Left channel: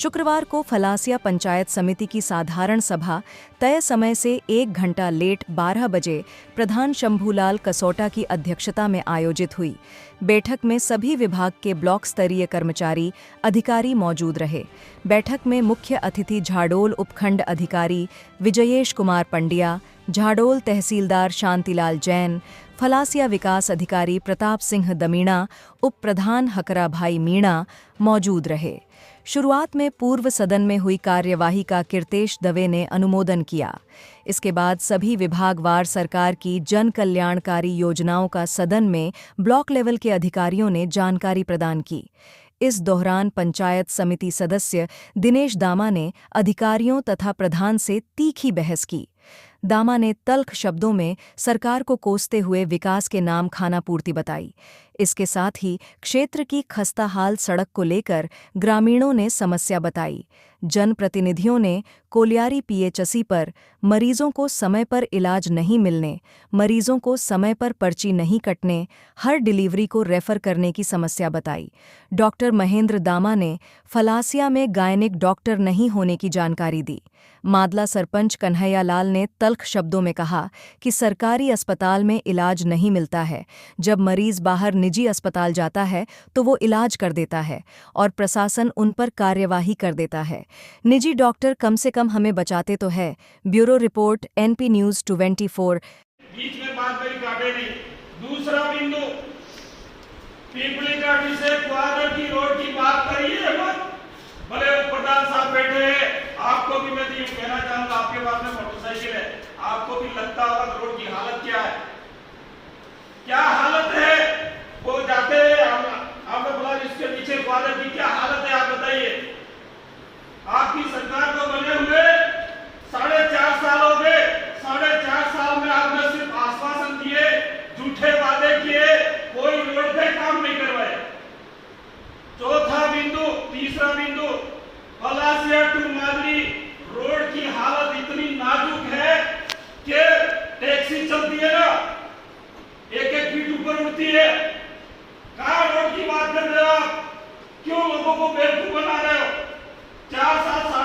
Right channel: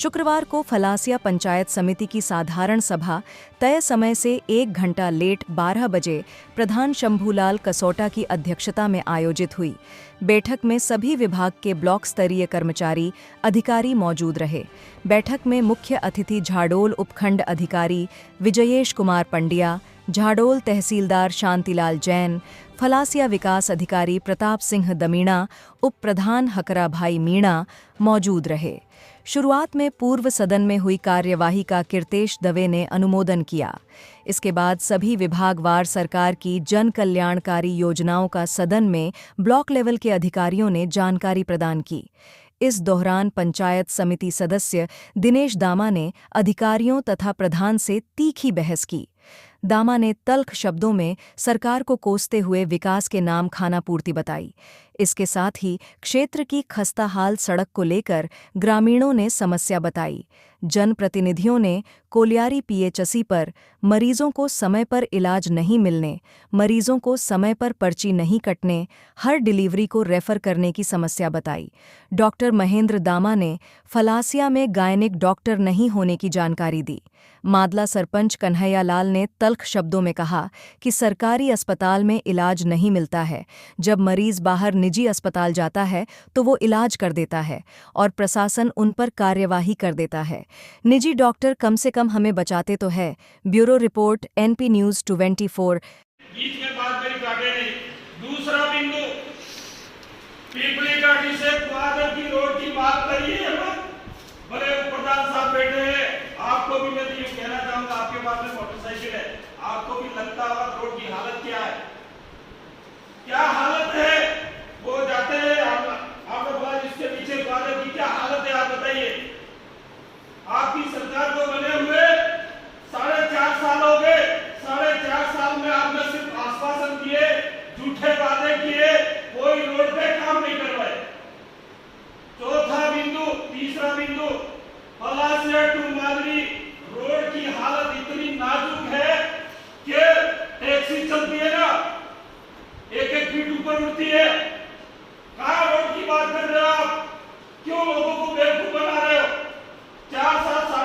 शुक्रवार को फलासिया पंचायत समिति की साधारण सभा तय समय से 1 घंटा लेट 12 बजे प्रधान शंभूलाल कसोटा की अध्यक्षता में आयोजित हुई। बैठक में सभी विभाग के ब्लॉक स्तरीय कर्मचारी अधिकारी मौजूद रहे। बैठक में मुख्य अतिथि झाडोल उपखंड अधिकारी विजयेश कुमार पंड्या, झाडोल तहसीलदार शांतिलाल जैन, फलासिया विकास अधिकारी प्रताप सिंह दमीणा, उप प्रधान हकरा भाई मीणा मौजूद रहे। शुरुआत में पूर्व सदन में हुई कार्यवाही का कीर्तेश दवे ने अनुमोदन किया। इसके बाद सभी विभागवार सरकार की जन कल्याणकारी योजनाओं का सदन में ब्लॉक लेवल के अधिकारियों ने जानकारी प्रदान की। इस दौरान पंचायत समिति सदस्य दिनेश दामा ने अधिकारियों तथा प्रधान से तीखी बहस की। दामा ने तल्ख शब्दों में सरकार को कोसते हुए विकास के नाम खानापूर्ति बताई। इसके साथ ही क्षेत्र की खस्ताहाल सड़क को लेकर ग्रामीणों ने समस्या बताई। जनप्रतिनिधियों ने कोलियारी पीएचसी पर मरीजों को समय पर इलाज नहीं मिलने, मरीजों को समय पर पर्ची नहीं कटने, हर डिलीवरी को रेफर करने की समस्या बताई। डॉक्टर महेंद्र दामा ने फलासिया में गायनिक डॉक्टर नहीं होने की जानकारी दी। मादला सरपंच कन्हैया लाल ने तल्ख शब्दों में कहा कि सरकारी अस्पताल में इलाज नहीं मिलता है। जब मरीज बाहर निजी अस्पताल जाता है तो वो इलाज कर देता है और प्रशासन उन पर कार्यवाही कर देता है। निजी डॉक्टर कम से कम हमें बचाते तो है। Bureau report NP news 24। बीच में बात मेरी काटे नहीं। दूसरा बिंदु, पीपली घाटी से क्वादर की रोड की बात करिए मत। भले प्रधान साहब बैठे हैं, आपको भी मैं ये कहना चाहूंगा, आपके पास में मोटरसाइकिल है, आपको भी लगता होगा रोड की हालत क्या है, क्या हालत है। वो जाते हैं, आपने बोला इसके नीचे क्वादर की क्या हालत है, आप बताइए। आपकी सरकार को बने हुए 4.5 साल हो गए। 4.5 साल में आपने सिर्फ आश्वासन दिए, झूठे वादे किए, कोई रोड पे काम नहीं करवाए। चौथा बिंदु, तीसरा बिंदु, फलासिया टू मादरी रोड की हालत इतनी नाजुक है कि टैक्सी चलती है ना, 1-1 फीट ऊपर उठती है। कहां रोड की बात कर रहे हो आप? क्यों लोगों को बेवकूफ बना रहे हो? 4.5 साल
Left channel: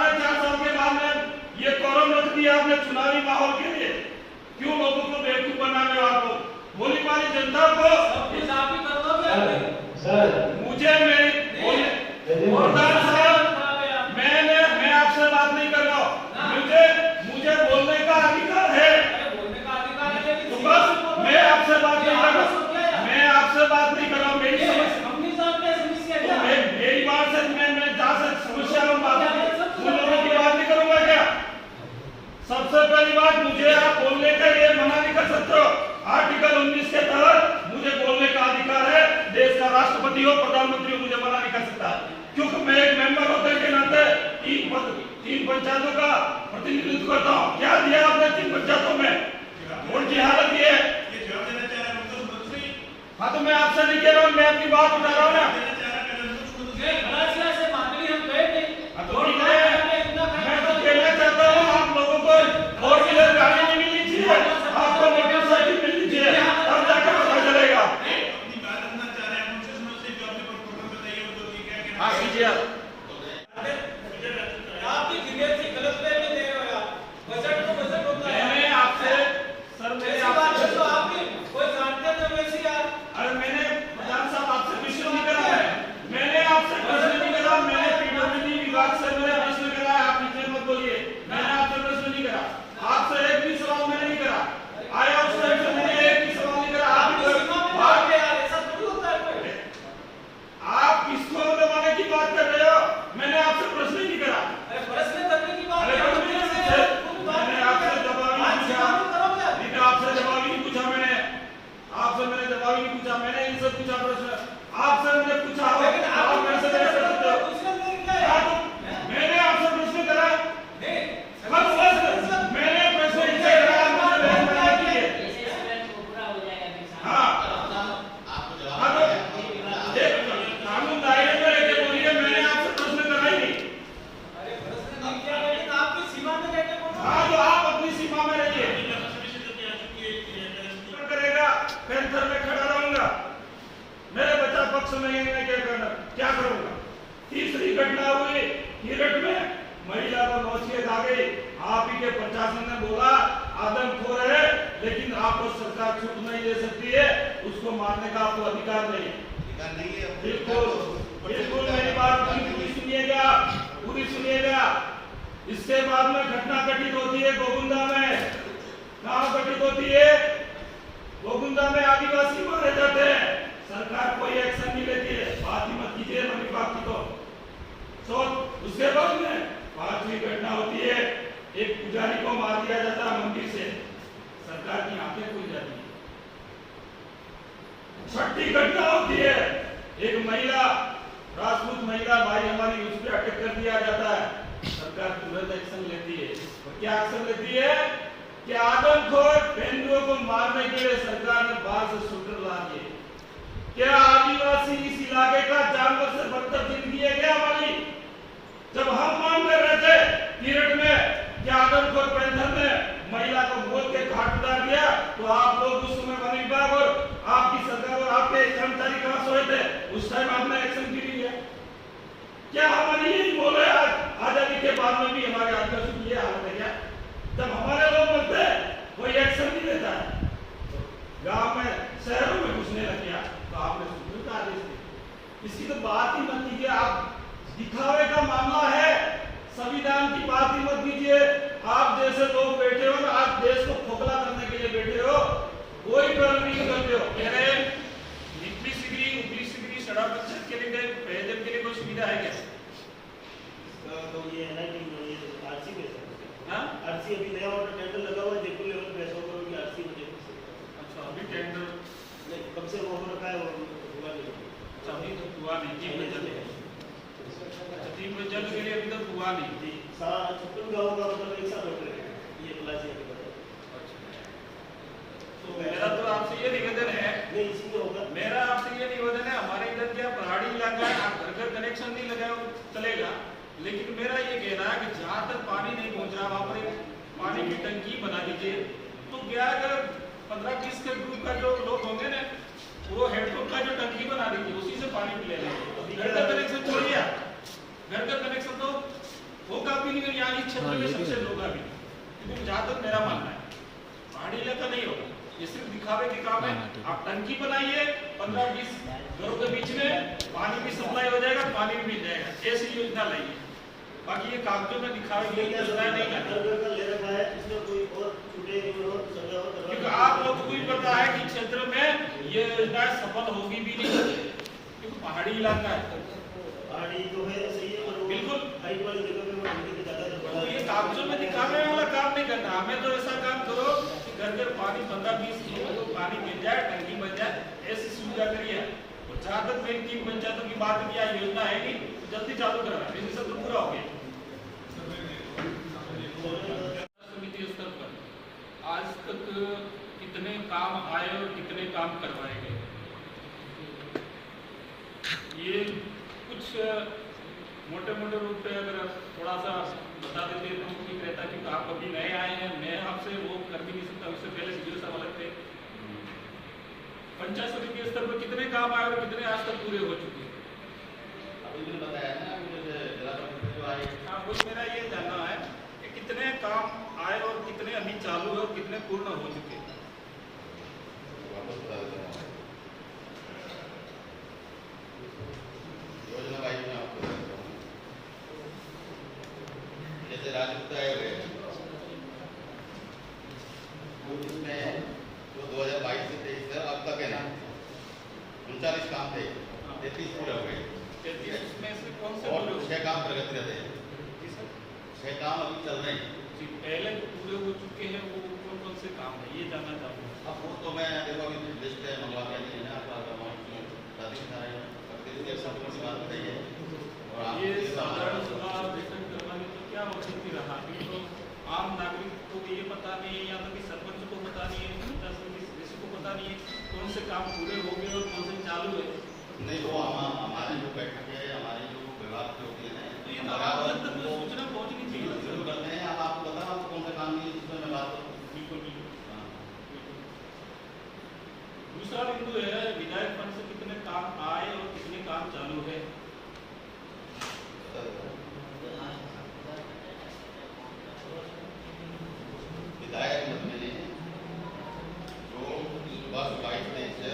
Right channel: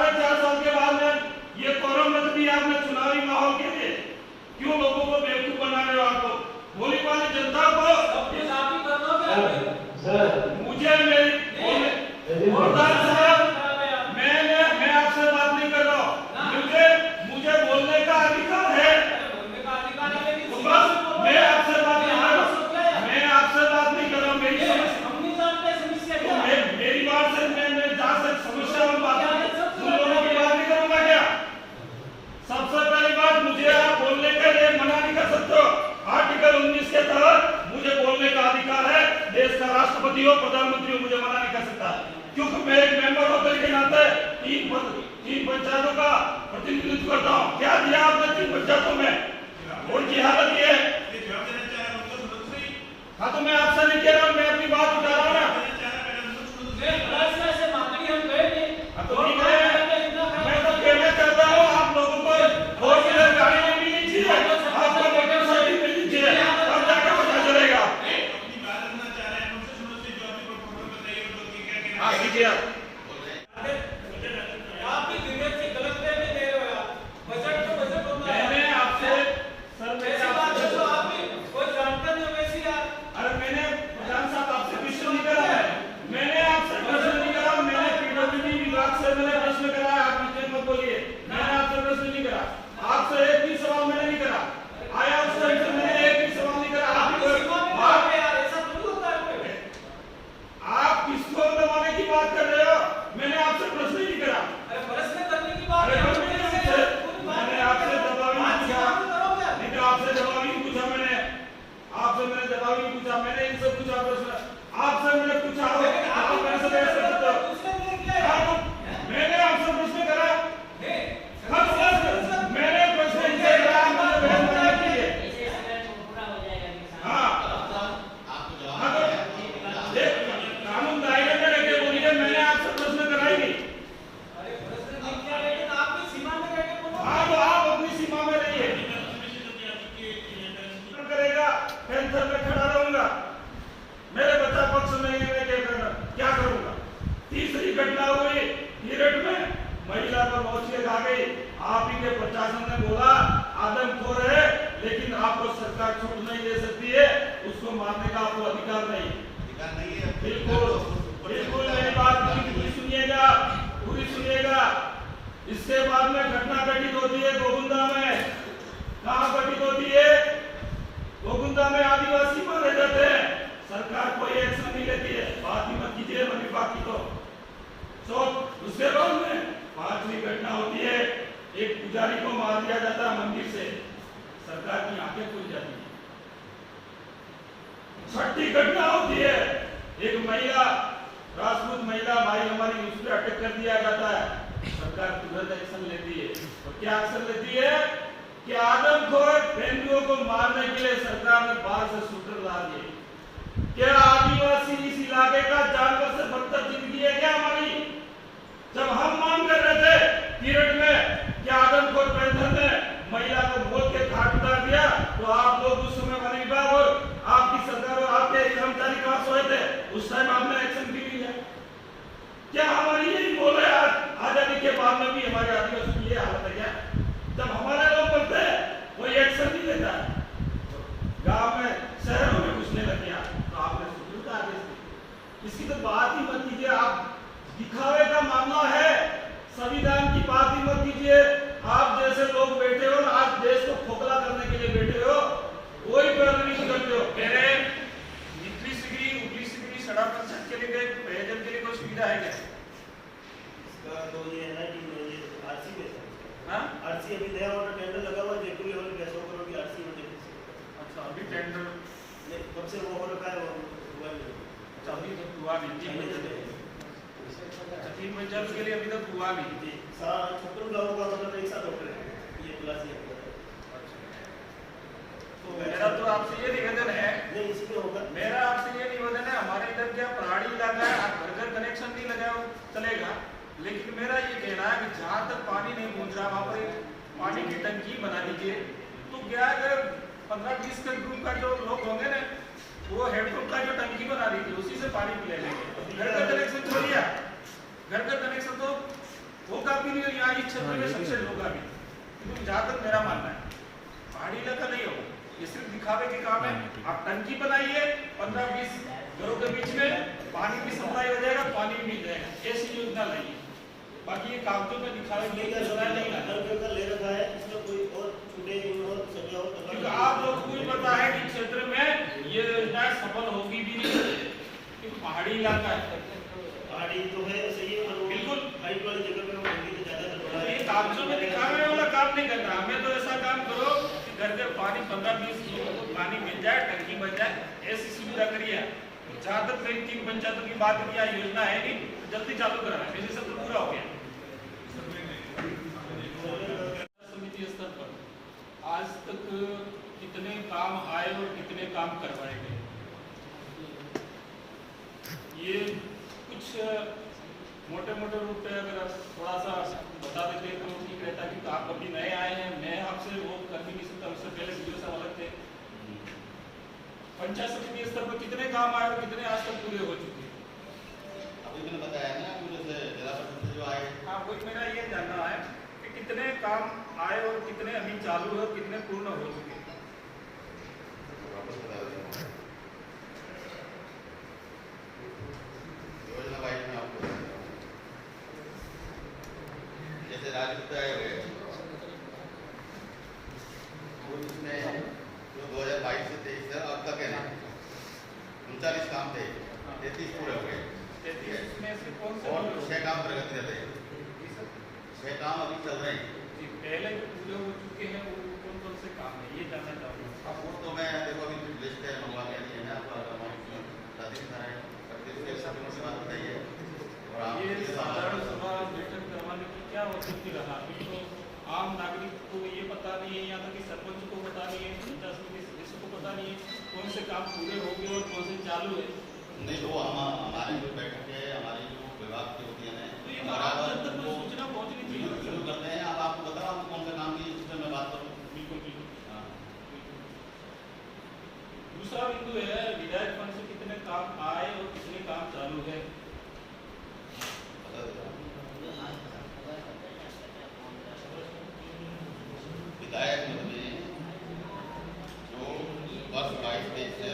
के बाद में ये कॉलम रख दिया आपने चुनावी माहौल के लिए। क्यों लोगों को बेवकूफ बना रहे हो? आपको भोली भाली जनता को मुझे प्रधान साहब, मैं आपसे बात नहीं कर रहा हूं। मुझे बोलने का अधिकार है। तो बस मैं आपसे बात नहीं कर रहा, मैं आपसे बात नहीं कर रहा हूं। मेरी बात से मैं जहां से समस्या उन लोगों की बात नहीं करूंगा क्या? सबसे पहली बात, मुझे आप बोलने के लिए मना नहीं कर सकते हो। आर्टिकल 19 के तहत मुझे बोलने का अधिकार है। देश का राष्ट्रपति हो, प्रधानमंत्री हो, मुझे मना नहीं कर सकता, क्योंकि मैं एक मेंबर होकर के नाते तीन पंचायतों का प्रतिनिधित्व करता हूँ। क्या दिया आपने 3 पंचायतों में? रोड की हालत ये है। हाँ, तो मैं आपसे नहीं कह रहा हूँ, मैं अपनी बात उठा रहा हूँ ना। मैं तो कहना चाहता हूँ, आप लोगों को 4 व्हीलर गाड़ी नहीं मिलनी चाहिए, आपको मोटरसाइकिल मिलनी चाहिए, तब जाकर पता चलेगा। हाँ, कीजिए आप भी गलत फहमी दे रहे हो यार। बजट तो बजट होता है। मैंने आपसे सर तो आप भी कोई जानते नहीं वैसे यार। अरे मैंने प्रधान साहब आपसे क्वेश्चन नहीं करा है, मैंने आपसे प्रश्न नहीं करा, मैंने पीडब्ल्यूडी विभाग से मैंने प्रश्न करा है। आप इतने मत बोलिए, मैंने आपसे प्रश्न नहीं करा, आपसे एक भी सवाल मैंने नहीं करा। आया उस टाइम से मैंने एक भी सवाल नहीं करा। आप किसको दबाने की बात कर रहे हो? मैंने आपसे प्रश्न नहीं करा। प्रश्न करने की बात मैंने आपसे जवाब नहीं पूछा, आपसे जवाब नहीं पूछा, मैंने जवाब नहीं पूछा, मैंने इनसे पूछा प्रश्न, आपसे मैंने पूछा हो, आप मेरे से कर सकते हो। मैंने आपसे प्रश्न करा, मैंने प्रश्न इनसे करा, कानून दायरे में रहकर बोलिए, मैंने आपसे प्रश्न करा ही नहीं। हाँ, तो आप अपनी सीमा में रहिए। करेगा, पेंथर में खड़ा रहूंगा, मेरे बच्चा पक्ष में क्या करूंगा। तीसरी घटना हुई पीरियड में महिला को नौसियत आ गई। आप ही के प्रशासन ने बोला आदमखोर है, लेकिन आपको सरकार छूट नहीं दे सकती है, उसको मारने का आपको अधिकार नहीं है। बिल्कुल बिल्कुल मेरी बात पूरी सुनिएगा, पूरी सुनिएगा। इसके बाद में घटना घटित होती है गोविंदा में। कहाँ घटित होती है? गोविंदा में आदिवासी मारे जाते हैं, सरकार कोई एक्शन नहीं लेती है। बात ही मत कीजिए ना विभाग की। तो उसके बाद में 5वीं घटना होती है, एक पुजारी को मार दिया जाता है मंदिर से, सरकार की आंखें खुल जाती है। 6ठी घटना होती है, एक महिला, राजपूत महिला भाई हमारी, उस पर अटक कर दिया जाता है, सरकार तुरंत एक्शन लेती है। और क्या एक्शन लेती है कि आदमखोर हिंदुओं को मारने के लिए सरकार ने बाहर से शूटर ला दिए। क्या आदिवासी इस इलाके का जानवर से बदतर जिंदगी है क्या हमारी? जब हम मांग कर रहे थे पीरियड में कि आदमखोर पेंशन ने महिला को बोल के घाट उतार दिया, तो आप लोग उस समय वन विभाग और आपकी सरकार और आपके कर्मचारी कहां सोए थे? उस टाइम आपने एक्शन क्यों लिया? क्या हमारी यही बोल है आज आजादी के बाद में भी हमारे आदिवासी की ये हालत है क्या? जब हमारे लोग बोलते हैं कोई एक्शन नहीं लेता है, गांव में शहरों में घुसने लग गया, तो आपने सुप्रीम का आदेश दिया। इसकी तो बात ही मत कीजिए, आप दिखावे का मामला है, संविधान की बात ही मत कीजिए। आप जैसे लोग बैठे हो ना, आज देश को खोखला करने के लिए बैठे हो, कोई डर नहीं करते हो। कह रहे निचली सिगरी सड़क के लिए प्रयोजन के लिए कोई सुविधा है क्या? तो ये है ना कि आरसी बेचा, हाँ आरसी अभी नया वाला टेंडर लगा हुआ है, जयपुर लेवल पे 100 करोड़ की आरसी मुझे। अच्छा, अभी टेंडर नहीं, कब से वो हो रखा है, वो हुआ नहीं। अच्छा, अभी तक हुआ नहीं। 3 बजे जल के लिए अभी तक हुआ नहीं। 56 गाँव का मतलब एक साथ होटल है ये प्लस है। तो मेरा तो आपसे ये निवेदन है, नहीं इसमें होगा, मेरा आपसे ये निवेदन है, हमारे इधर क्या पहाड़ी इलाका है, आप घर घर कनेक्शन नहीं लगाओ चलेगा, लेकिन मेरा ये कहना है कि जहाँ तक पानी नहीं पहुँच रहा वहाँ पर पानी की टंकी बना दीजिए। तो क्या अगर 15-20 के ग्रुप का जो लोग होंगे ना, वो हेडपंप का जो टंकी बना दीजिए, उसी से पानी ले लेंगे। घर का कनेक्शन छोड़िए, घर का कनेक्शन तो होगा भी नहीं, यहाँ इस क्षेत्र में सबसे होगा भी। तो जहाँ तक मेरा मानना है पहाड़ी इलाका नहीं होगा, ये सिर्फ दिखावे की काम है। आप टंकी बनाइए, 15-20 घरों के बीच में पानी की सप्लाई हो जाएगा, पानी भी मिल जाएगा, ऐसी योजना लाइए। बाकी ये कागजों में दिखावे के लिए योजना नहीं है, ले रखा है, इसमें कोई और छूटे क्योंकि आप लोग को भी पता है कि क्षेत्र में ये योजना सफल होगी भी नहीं, क्योंकि पहाड़ी इलाका है। पहाड़ी तो है सही है, पर बिल्कुल हाइट वाली जगह पे वो टंकी तो ज्यादा ये कागजों में दिखावे वाला काम नहीं करना। हमें तो ऐसा काम करो कि घर घर पानी 15-20 लोगों को पानी मिल जाए, टंकी बन जाए, ऐसी सुविधा करिए। जहाँ तक मेरी 3 पंचायतों की बात की योजना है नहीं, तो जल्दी चालू कराना, मेरी सब तो पूरा हो गया। समिति स्तर पर आज तक कितने काम आए और कितने काम करवाए गए, ये कुछ मोटे मोटे रूप पे अगर थोड़ा सा बता देते तो ठीक रहता, क्योंकि आप अभी नए आए हैं, मैं आपसे वो कर भी नहीं सकता, उससे पहले वीडियो सब अलग थे। पंचायत समिति स्तर पर कितने काम आए और कितने आज तक पूरे हो चुके हैं? हाँ, वो मेरा ये जानना है कि कितने काम आए और कितने अभी चालू है और कितने पूर्ण हो चुके हैं। योजना वाइज में आपको जैसे राजपूत आए हुए इसमें जो 2022 से 23 है अब तक है ना 39 काम थे, 33 पूरे हुए और 6 काम प्रगति रहते हैं, 6 काम अभी चल रहे हैं। पहले जो पूरे हो चुके हैं वो कौन कौन से काम है, ये जानना चाहता हूँ। अब वो तो मैं देखो अभी लिस्ट है, मंगवा के नहीं है ना आपका मोटी बात बताइए। और आप ये साधारण सभा बैठक करवाने की क्या औचित्य रहा? तो आम नागरिक को ये पता नहीं है, यहाँ तक कि सरपंच को पता नहीं है, पंचायत समिति सदस्य को पता नहीं है कौन से काम पूरे हो गए और कौन से चालू है। नहीं तो हमारे जो बैठक है, हमारी जो विभाग की होती है तो ये तो आप जब तक कोई सूचना पहुँचनी चाहिए शुरू करते हैं। अब आपको बताओ कौन से काम की मैं बात करूँ। बिल्कुल बिल्कुल। दूसरा बिंदु है विधायक फंड से कितने काम आए और कितने काम चालू है। 22-23 से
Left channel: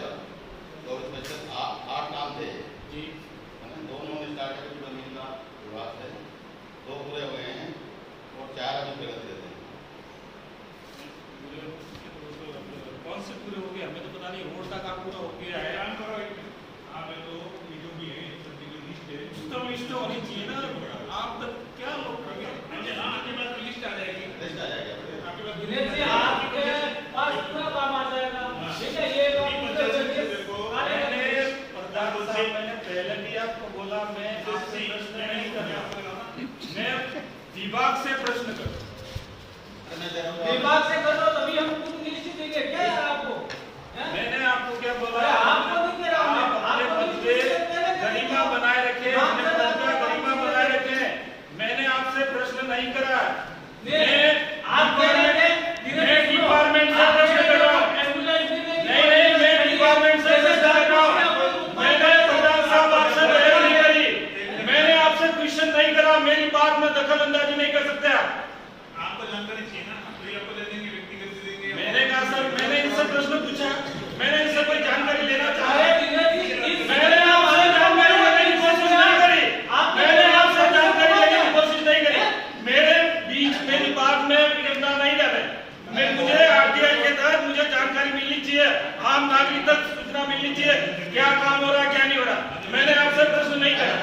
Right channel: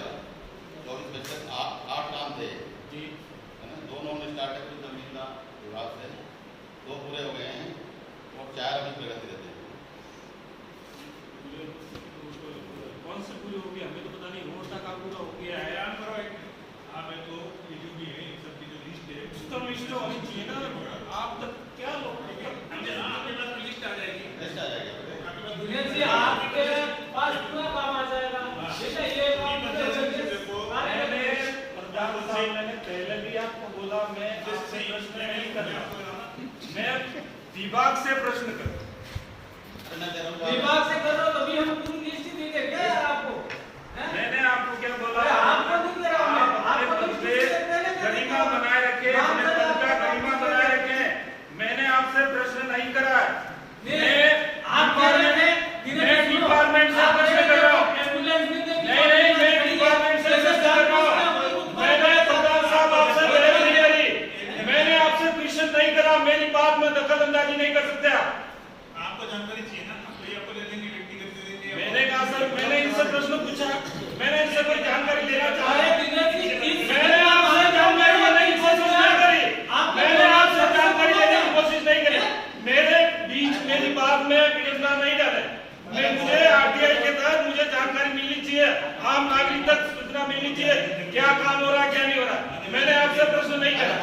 और इसमें से 8 काम थे जी दोनों में स्टार्ट है जमीन का विवाद से 2 पूरे हुए हैं और 4 अभी प्रगति रहते हैं। कौन से पूरे हो गए हमें तो पता नहीं, रोड का काम पूरा हो गया है। तो ये जो भी है सब की जो लिस्ट है तो लिस्ट होनी चाहिए ना, आप तक क्या लोग आपके पास लिस्ट आ जाएगी। लिस्ट आ जाएगी आपके पास दिनेश जी आपके पास पूरा काम आ जाएगा। बेटा ये काम पूरे मैंने पहले भी आपको बोला मैं आपसे प्रश्न नहीं कर रहा, मैं विभाग से प्रश्न कर रहा हूं। विभाग से करो तभी हम तुम लिस्ट देंगे क्या यार आपको? मैंने आपको क्या बोला? अरे आपको नहीं कह रहा हूं मैं, आपको लिस्ट गरिमा बनाए रखे, अपने पद का गरिमा बनाए रखे। मैंने आपसे प्रश्न नहीं करा है, आप कह रहे थे मैं डिपार्टमेंट से प्रश्न कर रहा हूँ। नहीं मैं डिपार्टमेंट से प्रश्न कर रहा हूँ। मैंने प्रधान साहब आपसे बहस नहीं करी, मैंने आपसे क्वेश्चन नहीं करा। मेरी बात में दखल अंदाजी नहीं कर सकते आप। आपको जानकारी चाहिए ना, ये आपको दे देंगे, व्यक्तिगत दे देंगे। मैंने कहा सर, मैंने इनसे प्रश्न पूछा, मैंने इनसे कोई जानकारी लेना चाहा, मैंने आपसे जानकारी लेने की कोशिश नहीं करी, मैंने आपसे जानकारी लेने की कोशिश नहीं करी। मेरे बीच मेरी बात में विडंबना नहीं डाले। मुझे आरटीआई के तहत मुझे जानकारी मिलनी चाहिए, आम नागरिक तक सूचना मिलनी चाहिए क्या काम हो रहा है क्या नहीं हो रहा। मैंने आपसे प्रश्न नहीं करा।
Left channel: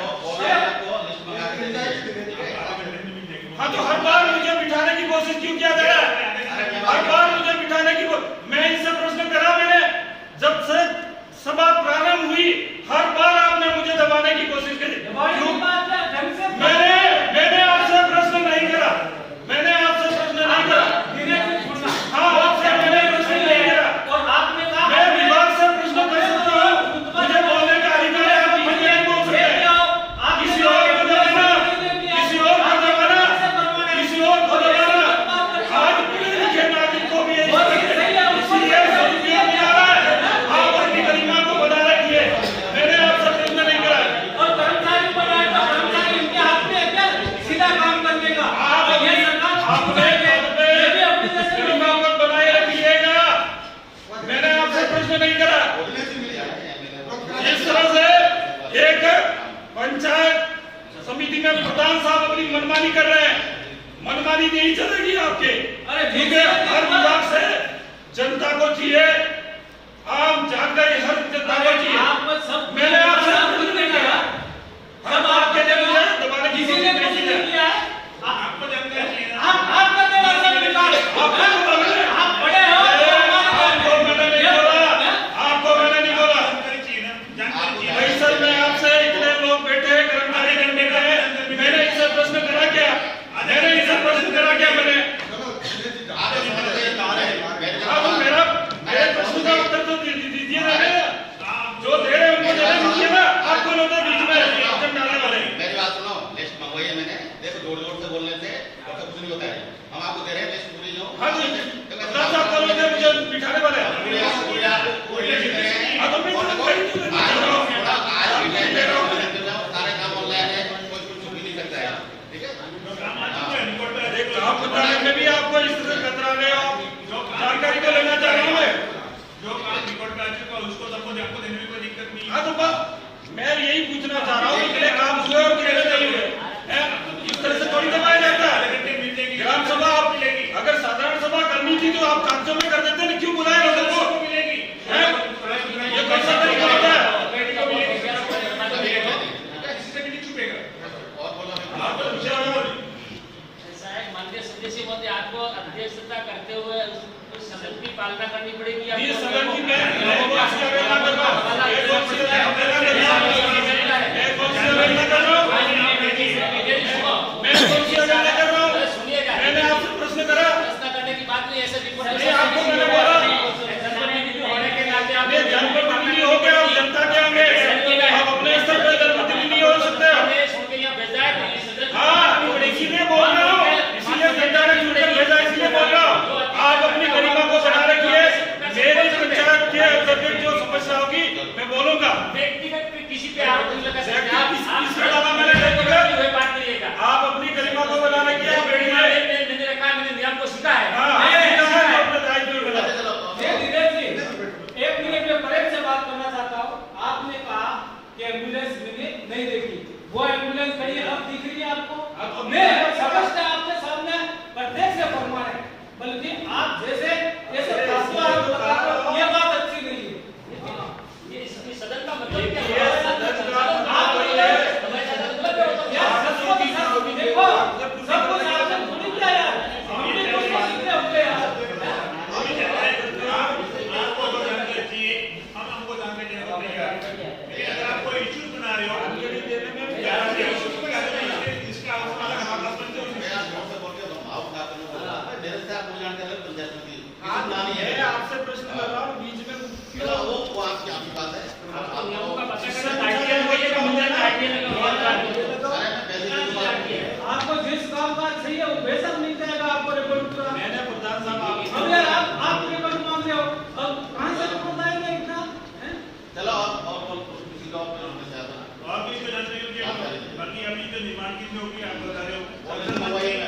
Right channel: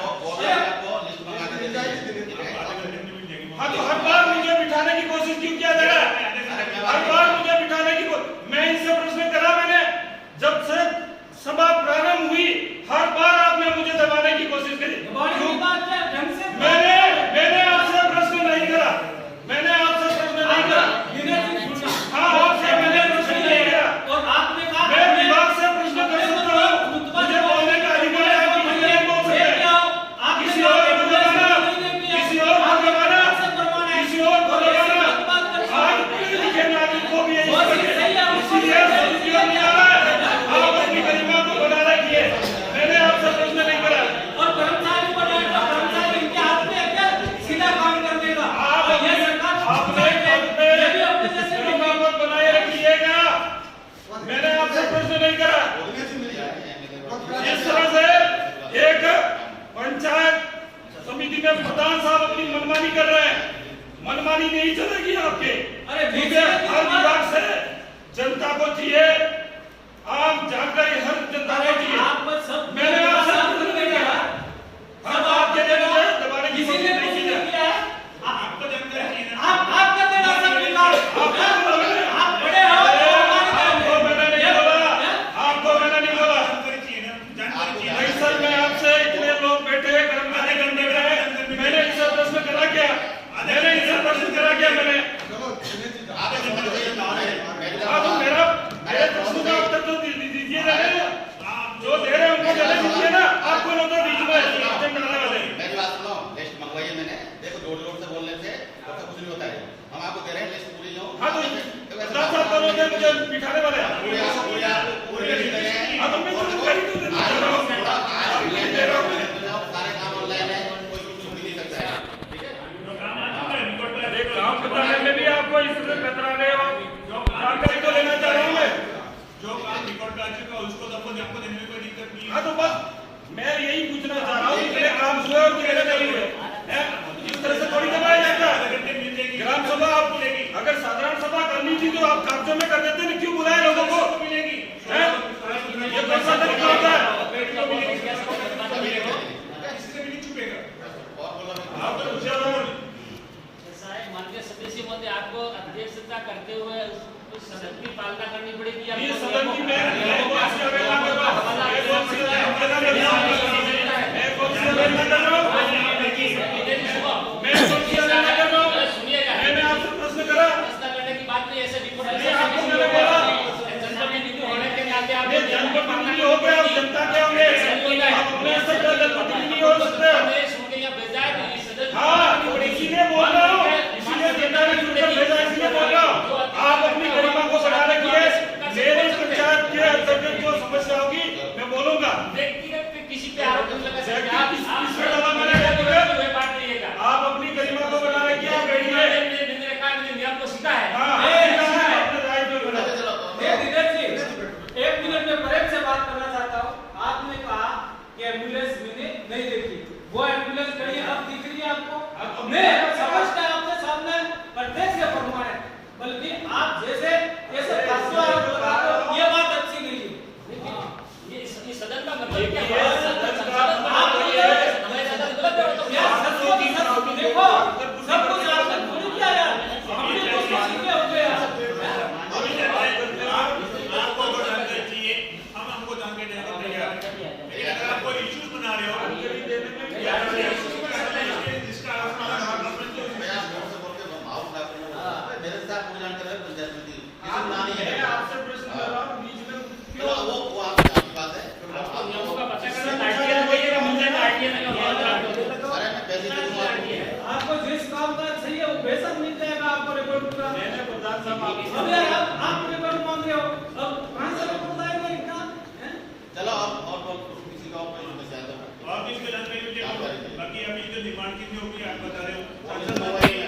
हाँ तो हर बार मुझे बिठाने की कोशिश क्यों किया जा रहा है? हर बार मुझे बिठाने की मैं इनसे प्रश्न करा, मैंने जब से सभा प्रारंभ हुई हर बार आपने मुझे दबाने की कोशिश करी। क्यों? मैंने आपसे प्रश्न नहीं करा, मैंने आपसे प्रश्न नहीं करा। हाँ आपसे मैंने प्रश्न नहीं करा। मैं विभाग से प्रश्न कर सकता हूँ, मुझे बोलने का अधिकार है, आप बीच में नहीं बोल सकते। किसी और को दबाना, किसी और को दबाना, किसी और को दबाना आज पढ़े लिखे नागरिक को भी यही इसलिए सदुपयोग नहीं आ रहा है। आप अपनी गरिमा को बना रखिए, मैंने आपसे प्रश्न नहीं करा। आपने पद पे गरिमा को बनाए रखिएगा, मैंने आपसे प्रश्न नहीं करा। इस तरह से एक पंचायत समिति में प्रधान साहब अपनी मनमानी कर रहे हैं, मनमानी नहीं चलेगी आपके, क्योंकि हर विभाग से जनता को चाहिए आम जानकारी, हर जनता को चाहिए। मैंने आपसे प्रश्न नहीं करा, हर बात के लिए मुझे दबाने की कोशिश नहीं की है। आपको जानकारी चाहिए ना। आपको मैंने नहीं बोला, आपको मैंने नहीं बोला। जानकारी चाहिए ना, जानकारी चाहिए। भाई सर मैं आपसे, इतने लोग बैठे हैं, कर्मचारी गण बैठे हैं, मैंने इनसे प्रश्न करा क्या? मैंने इनसे प्रश्न करा क्या? मैंने आप मेरे प्रश्न का उत्तर तो दीजिए ना, जो दे रहे हैं उनको देने दीजिए ना। आप कौन होता बीच में सिस्टम डालने वाले? मेरी बात सुनो, लिस्ट मंगवाई है मैंने, देखो जोर जोर से बोलने से और तो कुछ नहीं होता है। हम आपको दे रहे हैं लिस्ट पूरी जो। हाँ तो प्रधान साहब कौन होते हैं मुझे बिठाने वाले? हाँ तो मैं जानकारी तो दे रहा हूँ। सारे काम ऑनलाइन है, कोई कुछ भी नहीं करता है, ठीक है? एक काम बताने में भी आपको इस तरह कतरा रहे हो, जानकारी तो लेना चाह रहा हूँ मैं। जो काम रिकॉर्ड पे आ चुका उसको सबको आपको देने में कोई दिक्कत नहीं है। हाँ तो बस मैं यही पूछना चाह रहा हूँ कि कितने काम हुए और कितने नहीं हुए हैं? इस तरह से थोड़ी दबाया जाता है। ग्राम सभा आप अगर साधारण सभा करनी थी तो आप कागजों में कर देते, नहीं क्यों बुलाए लोगों को? हैं? ये कौन सा तरीका होता है? इससे भी नहीं छुपेगा। और बोलो आप तो पूछे हो। माननीय सदस्य महोदय, आपको अध्यक्षता करते हुए उस सदन की पालना करनी पड़ेगी। ये सदन की मैं कौन सी अवहेलना कर रहा हूँ? मैं कौन सी अवहेलना कर रहा हूँ? मैं कौन सी अवहेलना कर रहा हूँ? मैं कौन सी अवहेलना कर रहा हूँ? सुनिएगा, मैंने आपसे प्रश्न करा, व्यवस्था करने की बात नहीं, ऐसे रिपोर्ट आपको मैंने बोला होने के नाते आप ये जनप्रतिनिधि हो गए और जनता के होंगे, आप अपने स्तर पर जनप्रतिनिधि हो सकते हो। सुन के यहाँ भेजा है कि सदन हाँ तो इसीलिए बोल रहा हूँ, इसीलिए जनता ने चुनकर भेजा, इसलिए बोल रहा हूँ। आप अपनी गरिमा को बना रखिए, मेरी पंचायत के अंतर्गत जो समस्या होगी मैं बोलूंगा। व्यक्तिगत पे किसी पे आरोप नहीं लगा सकते। व्यक्ति आप किस पे लगा मैंने हुए बात करिएगा। आप अपनी गरिमा को बना रखिए, आप बैठिए। मैंने रखा, मैंने नियम को सीखा है। हाँ, ये सीखा है, अपने दायित्व में। दिनेश जी, एक देखिए सदन का मतलब वही है आपको की चुनाव की देखो सब कुछ आपने पूरी किया यार हमने तो सीधे हो गए आपको अगर जानकारी चाहिए हम हमको जानकारी देने को तैयार हैं। लेकिन अगर आप कोई इश्यूज बना रहे हो इसका आप अलग हमारे पास में मैं आप बोल से बोल के भाव ना करो मेरे से आप पूरी जानकारी पंचायत समिति किसी नाम नहीं है मैं आपसे प्रश्न कर रहा हूं बीच में क्यों वो आपकी बात है आप लोगों का आपको जिस काम का चाहिए वो बेशक मिल जाएगा आपको रिपोर्ट पूरा। मैंने प्रधान साहब अब यार आप रिपोर्ट मांग रहे हो अब कहां से रिपोर्ट आएगा इतना हैं? चलो आप और किसी का और से आता आप इसके जानकारी लीजिए बाकी अभी जो निर्माण कितने होगी आप बता रहे हो मोबाइल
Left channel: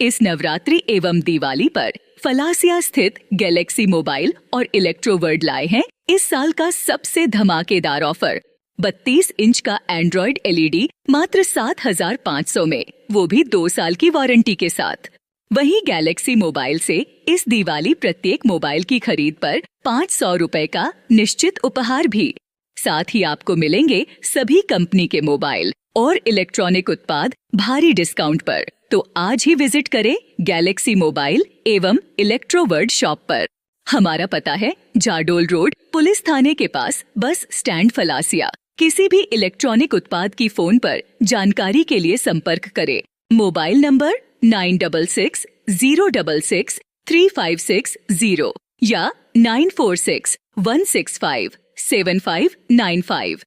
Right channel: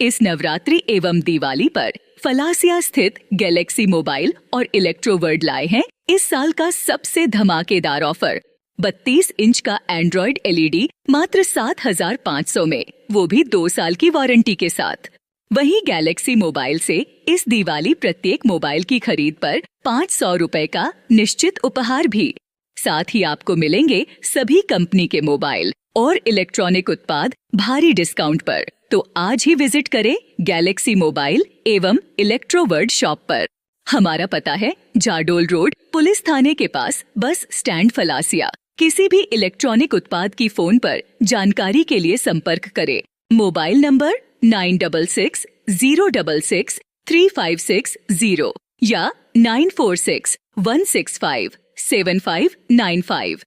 इस नवरात्रि एवं दिवाली पर फलासिया स्थित गैलेक्सी मोबाइल और इलेक्ट्रोवर्ड लाए हैं इस साल का सबसे धमाकेदार ऑफर। 32 इंच का एंड्रॉइड एलईडी मात्र 7,500 में, वो भी 2 साल की वारंटी के साथ। वहीं गैलेक्सी मोबाइल से इस दिवाली प्रत्येक मोबाइल की खरीद पर 500 रुपए का निश्चित उपहार भी। साथ ही आपको मिलेंगे सभी कंपनी के मोबाइल और इलेक्ट्रॉनिक उत्पाद भारी डिस्काउंट पर। तो आज ही विजिट करें गैलेक्सी मोबाइल एवं इलेक्ट्रोवर्ड शॉप पर। हमारा पता है जाडोल रोड, पुलिस थाने के पास, बस स्टैंड फलासिया। किसी भी इलेक्ट्रॉनिक उत्पाद की फोन पर जानकारी के लिए संपर्क करें। मोबाइल नंबर 9660663560 या 9461657595।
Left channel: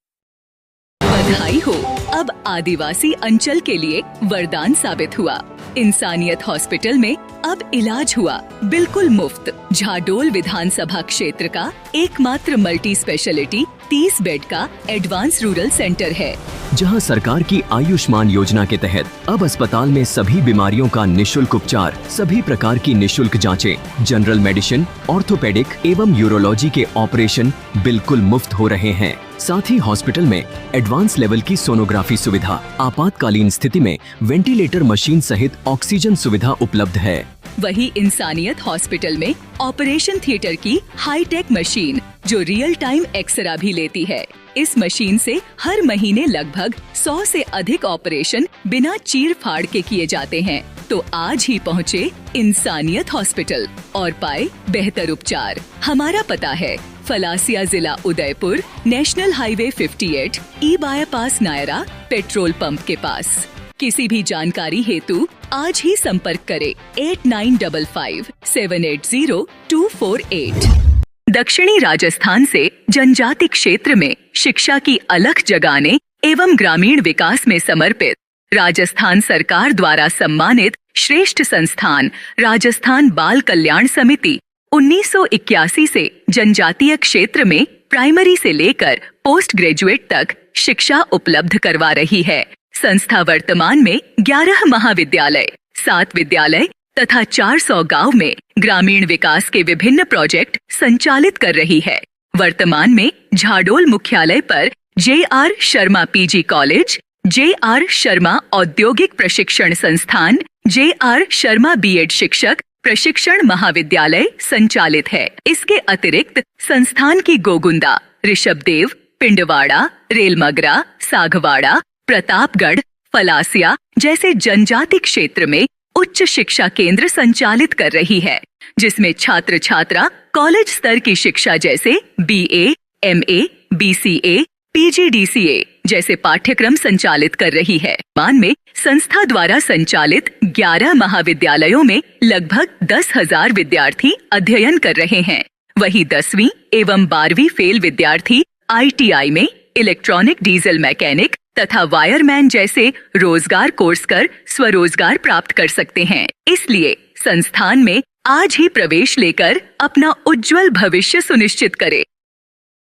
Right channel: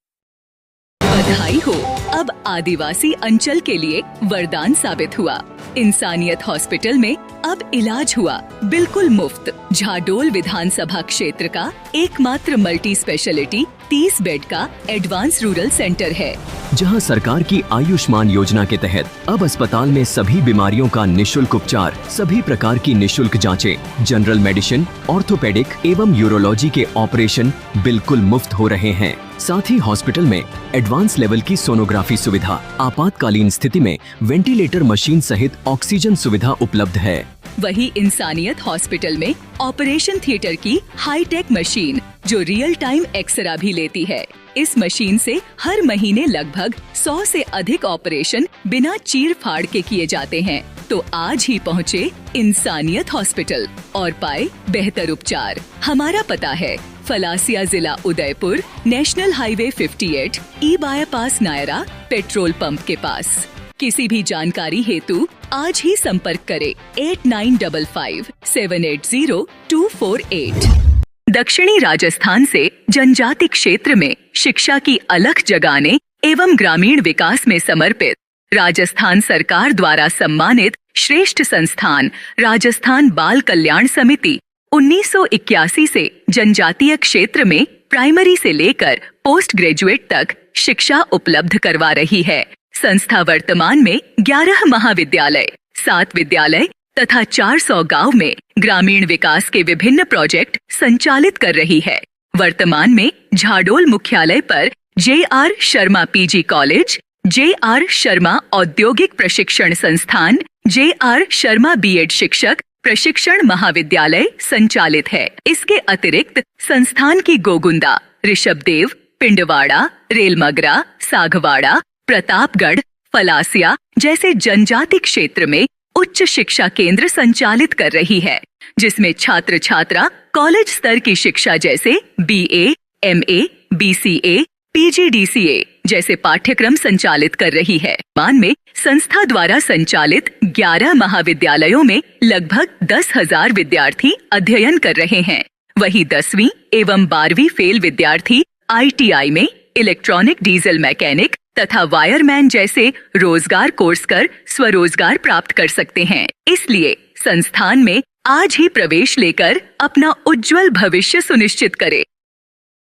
बधाई हो, अब आदिवासी अंचल के लिए वरदान साबित हुआ। इंसानियत हॉस्पिटल में अब इलाज हुआ बिल्कुल मुफ्त। झाडोल विधानसभा क्षेत्र का एकमात्र मल्टी स्पेशलिटी 30 बेड का एडवांस रूरल सेंटर है, जहां सरकार की आयुष्मान योजना के तहत अब अस्पताल में सभी बीमारियों का निशुल्क उपचार, सभी प्रकार की निशुल्क जांचें, जनरल मेडिसिन, ऑर्थोपेडिक एवं यूरोलॉजी के ऑपरेशन बिल्कुल मुफ्त हो रहे हैं। साथ ही हॉस्पिटल में एडवांस लेवल की सोनोग्राफी सुविधा, आपातकालीन स्थिति में वेंटिलेटर मशीन सहित ऑक्सीजन सुविधा उपलब्ध है। वही इंसानियत हॉस्पिटल में ऑपरेशन थिएटर की हाईटेक मशीन जो रियल टाइम एक्सरा भी लेती है। इस मशीन से हर महीने लगभग 100 से अधिक ऑपरेशन बिना चीर फाड़ के किए जाते हैं। तो आज ही पहुँचे इंसानियत हॉस्पिटल और पाए बेहतर उपचार। हमारा पता है फलासिया जिला उदयपुर, नेशनल हाईवे 58, ई बाईपास नायरा, पेट्रोल पंप के पास। किसी भी जानकारी हेतु आज ही संपर्क करें 8955-780-248। दक्षिणी राजस्थान से जनजाति क्षेत्र में शिक्षा की अलख जगाने एवं ग्रामीण विकास में समर्पित राजस्थान सरकार द्वारा सम्मानित श्रेष्ठ संस्थान राजस्थान बाल कल्याण समिति 1981 से जनजातीय क्षेत्र में प्राइमरी से लेकर पोस्ट ग्रेजुएट तक शिक्षा उपलब्ध करवा रही है। संस्था वर्तमान में 11 महाविद्यालय, 7 विद्यालय तथा 400 गांव में ग्रामीण विकास के विभिन्न प्रोजेक्ट संचालित कर रही है। वर्तमान में झाडोल मुख्यालय पर JR Sharma PG college, JR Sharma औद्योगिक प्रशिक्षण संस्थान, JR शर्मा B.Ed शिक्षक प्रशिक्षण महाविद्यालय संचालित है। इसके अतिरिक्त संस्थान की गोगुंदा, ऋषभदेव, पिंडवाड़ा, रेलमगरा, सागवाड़ा, प्रतापगढ़, फलासिया जैसे जनजाति क्षेत्र में उच्च शिक्षा केंद्र संचालित कर रही है, जिसमें छात्र छात्रा कॉलेज स्तर की शिक्षा जैसे BA, MA, BCA, PGDCA जैसे पाठ्यक्रम संचालित कर रही है। मान में संस्था द्वारा संचालित 11 महाविद्यालयों में लगभग 10,000 विद्यार्थी अध्ययन कर रहे हैं। वही 10वीं एवं 12वीं फेल विद्यार्थी ITI में इलेक्ट्रॉनिक डीजल मैकेनिक तथा वायरमैन जैसे रोजगार कोर्स कर स्वरोजगार प्राप्त कर सकते हैं। इसलिए संस्थान में आज ही प्रवेश लेकर अपना उज्जवल भविष्य सुनिश्चित करें।